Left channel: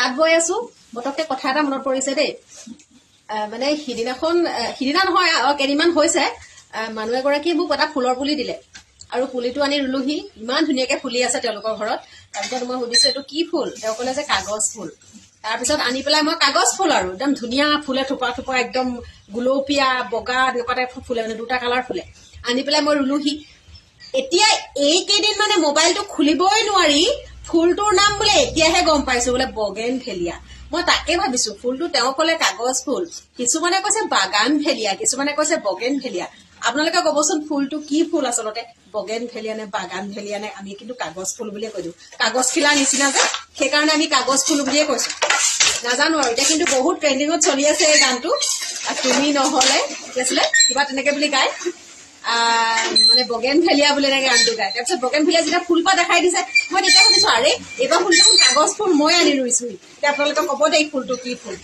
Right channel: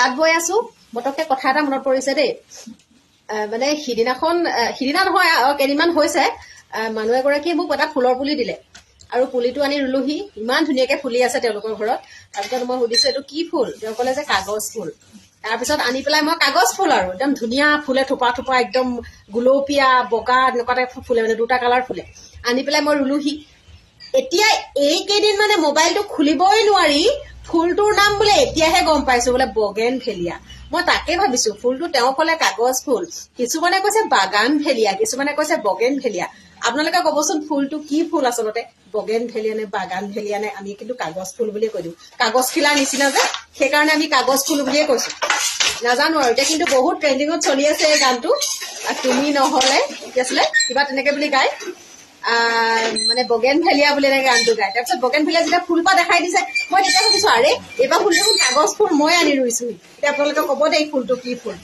তাত বৈ আছো বতককে কথা এটা মনত পৰিছে দেই মানে সিদিনা নহয় আৰু কেইদিনমান হৈছে মানুহ এগৰাকীয়ে মোক এটা ফুলৰ পুলি দিলে আৰু পুলিটো আনি ৰুলোহি ইমান ধুনীয়াকে ফুলি আছে তেওঁলোকৰ ঘৰত তাৰপিছত মই সুধিছো এইটো কি ফুল তেওঁ ক'লে যে কাগজ ফুল তাৰপিছত আনি পেলাই মই কাগজ ফুল আৰু একদম ধুনীয়া ফুলে থোপা থোপা একদম গুলপীয়া বগা এনেকুৱাতে ফুলে মানে দুটা কালাৰ ফুলে আনি পেলাই মই ৰুলোহি এতিয়া এইকেইদিন মানে মোবাইলটো খুলিবই নোৱাৰি ফুলটোৰ নাম বোলে এতিয়াহে গম পাইছো বোলে বগেনভেলিয়া মই তাকে ভাবিছো ফুলটো তেওঁ ক'লে কাগজ ফুল কিছুমানে কৈছে বাগানভেলিয়া কিছুমানে কৈছে বগেনভেলিয়া আপোনালোকে কবচোন ফুলটো কি ফুল আচলতে বগেনভেলিয়া নে বাগানভেলিয়া নে আমি কিন্তু কাগজ ফুল বুলিয়ে কৈ দিওঁ কাগজ খিলাৰ নিচিনা যে সেইকাৰণে আমি কাগজ ফুল বুলিয়ে কৈছো নাজানো আৰু এতিয়া কিন্তু বহুত ট্ৰেণ্ডিঙত চলি আছে এই গানটো তুমি নহলে কি আছিলে কিবা তেনেকে বুলি গায় মানে বগেনভেলিয়া বুলি এনেকে গানটো গায় তাৰপিছত বগেনভেলিয়া যেতিয়া ফুলপাহ দেখাই দিছে মই তেতিয়া ভাবিছো আৰে এইবাৰ ফুলটো কাগজ ফুল মই আনি ৰুইছোহি এতিয়া আপোনালোকে কব দেই ফুলটো কি ফুল